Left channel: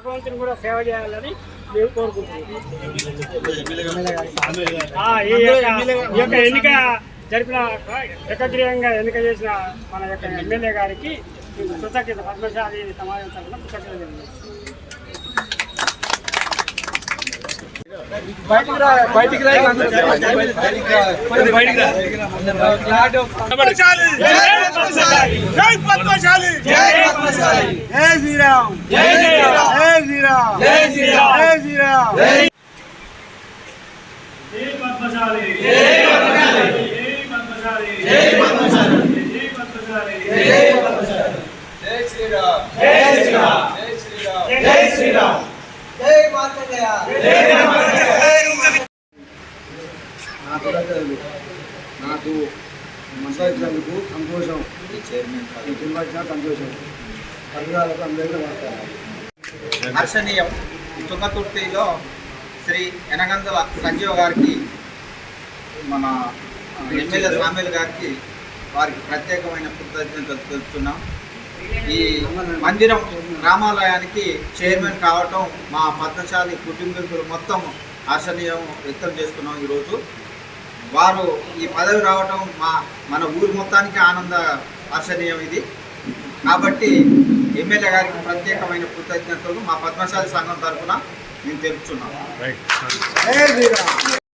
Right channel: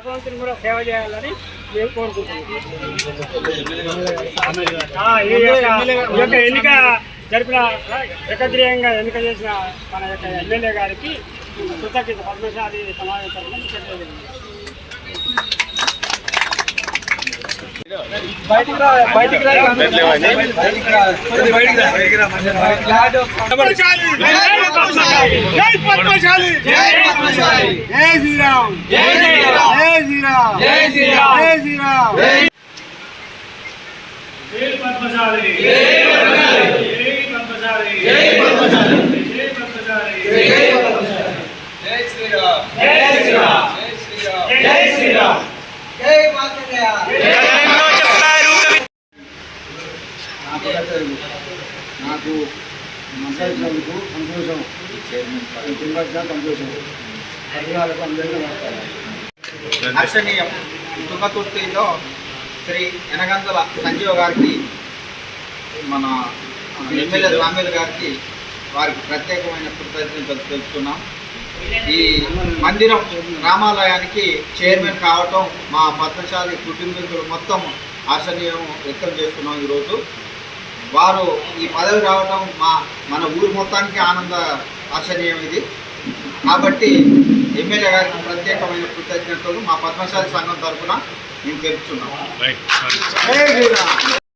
భగవంతుని కూడా సేవ చేయాలని మేము కోరుకుంటున్నాం. ఎన్నిక జరిపిన ఏకగ్రీయంగా ఎన్నిక చేసిన మన యొక్క ఎమ్మెల్యే గారికి కృతజ్ఞత పద్మశాలి సమాజం తరఫున కృతజ్ఞతలు. జై పద్మశాలి. జై పద్మశాలి. జై శ్రీరామ్. జై శ్రీరామ్. నాకు నాకు మసాయినందుకు సంతోషం. కుటుంబానికి సంతోషం. పట్టుదలకు అందరికీ నమస్కారం. హర్షణీయం తుంగతుర్తిలో శ్రీ ఎనగందల సంజీవ్ గారికి మన ఎమ్మెల్యే స్వామిలు గారికి వారికి ప్రత్యేకమైన కృతజ్ఞతలు తెలుపుతున్నాం. ఈ మందిరం రామాలయానికి చైర్మన్ కావటం మా పద్మశాలి కుటుంబీకులు మొత్తం హర్షణీయం వ్యక్తం చేస్తున్నాం ఈరోజు. వారు ఈ పదవి రావటం మా మన ఊరు మొత్తానికి ఆనంద హర్షణీయం ఇది. కాబట్టి ఎమ్మెల్యే గారికి ప్రత్యేకమైన కృతజ్ఞతలు మా పద్మశాలి సంఘం తరఫున మేము తెలుపుతున్నాం.